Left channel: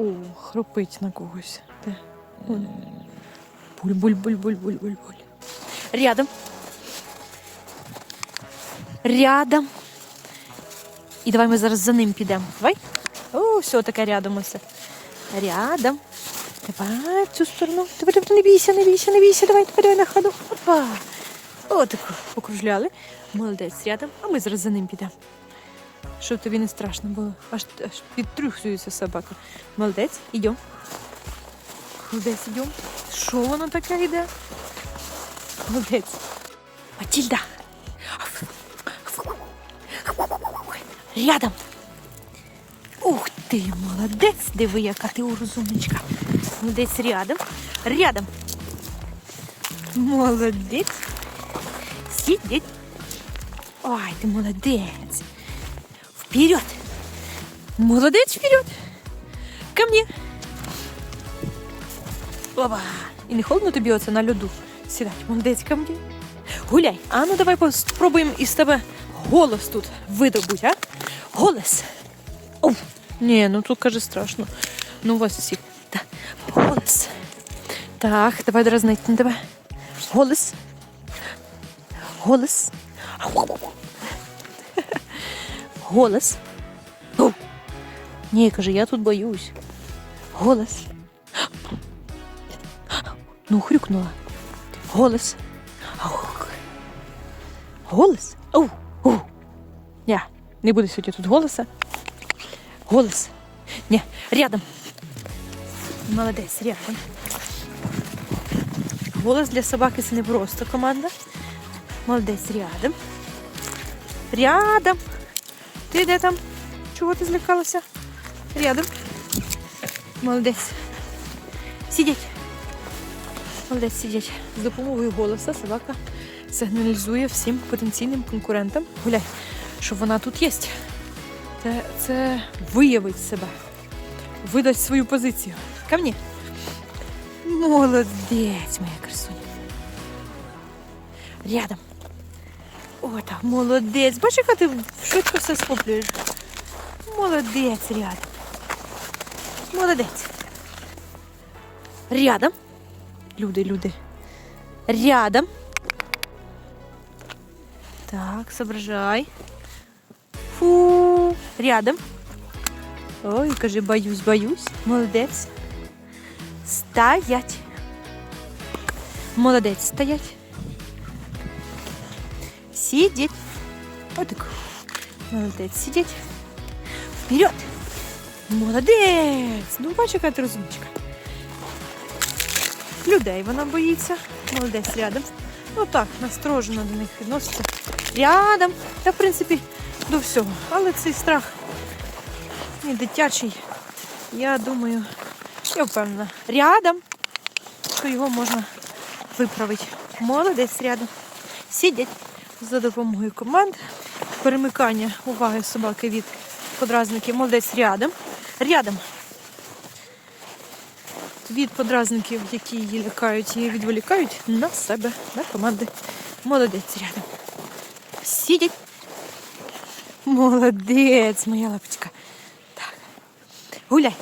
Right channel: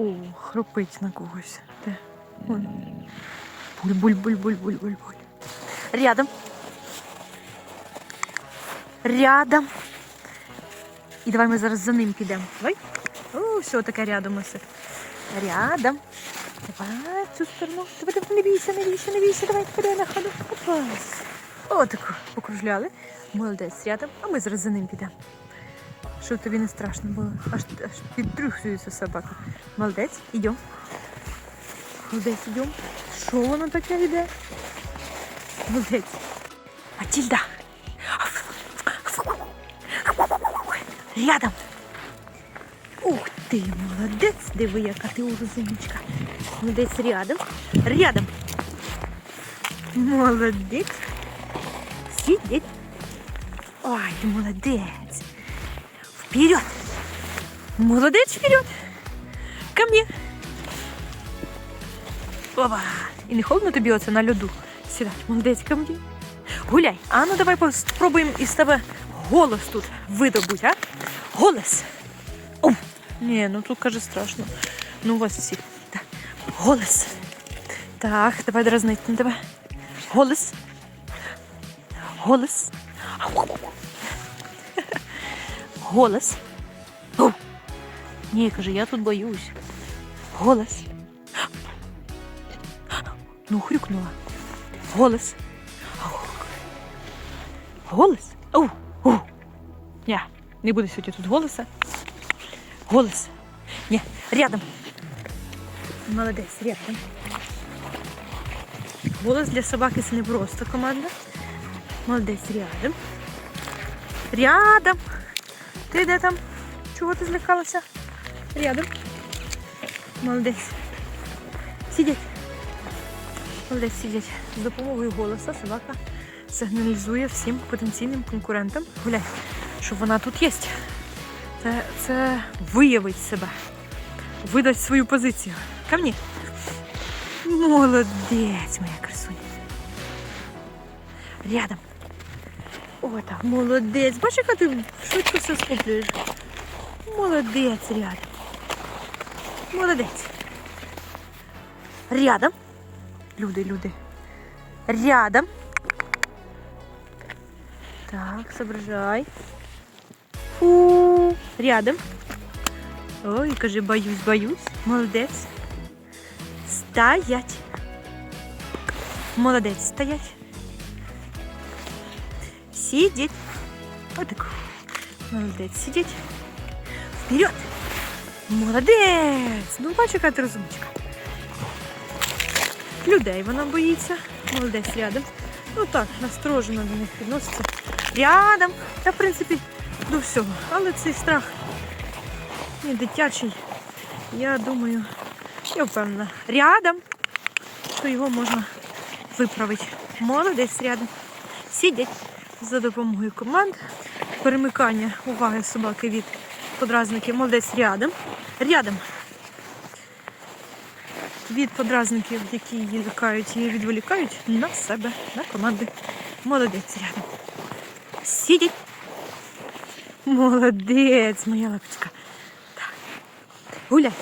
О, хропить на когось. Де? Буль-буль-буль-буль-буль-буль-буль. Рядом. Рядом. І давай ми зараз за ним підемо. Давай. О, все таке рядом усе. Рядом. Давай в цю сторону. Давай, давай, не бійся, не бійся, не бійся. Давай, давай, давай на ходу. Опа. Отаку покружляли. Молодець рядом, а ми зараз за ним підемо. Щоб тобі не страшно було. Аж, аж підтрюхується собака. Молодець, ідемо. Молодець, ідемо. Що воно таке йде? Молодець. Матільда. Рядом. Ух ти, молодець, диви, яка ти розумничка. Молодець рядом. Рядом. Молодець. Сидеть. Ой, ты молодец. Вперед. Молодец, вперед. Ко мне. Опа. І не холодно тобі оце на льоду? Сідай, молодець ко мне. Гуляй. А ну давай спробуємо із тебе голос тут видобуть, а? Голос. О, ні, ну тут каже страшно. Ну у вас всіх. Голос. Так, давай дразнити на тебе. Голос. Голос. Голос. О! Ні, каже, я тут боюсь. Голос. Ну, хрюкнула. Голос. Голос. О, о. Ня, не буде сьогодні тут голоса. Голос. Ні, рядом. Молодець, рядом. Голос для собаки це не просто команда. Молодець рядом. Рядом. Ти де там? Чого ти злякалася? Рядом. Молодець. Сидіть. Молодець сидять. З допомогою голоса собака сигналізує всім потенційним конкурентам. Гуляй, що вона тут є. Це, це виявить себе. Видасть свою позицію. Ко мне. Молодець, моя красуня. Рядом. О, так, молодець. Бачиш, яка ти швидко все схоплюєш. Молодець рядом. Молодець. Рядом. Люди, люди. Рядом. Так, соображай. Фу. Рядом. Ой, кажи, боюсь, боюсь. Молодець. Стоять. Молодець, стоять. Сидеть. Вот так. Молодець, сидеть. Вперед. Молодець. Ну, бачу, яка ти розумничка. Людей вона боїться. Молодець рядом. Ну так, насторожено до них підноситься. Рядом. Та, в принципі, до всього. Але цей страх ну, дитячий. Я думаю, я впевнена. Рядом, що його можна виправити. Молодець рядом. Сидять за допомогою команд. Перемикання уваги собаки від подразників. Молодець рядом. Рядом. Від подразників, які її лякають і відволікають на себе, на команди. Молодець рядом. Сидять. Молодець, моя лапочка. Так. Гуляй.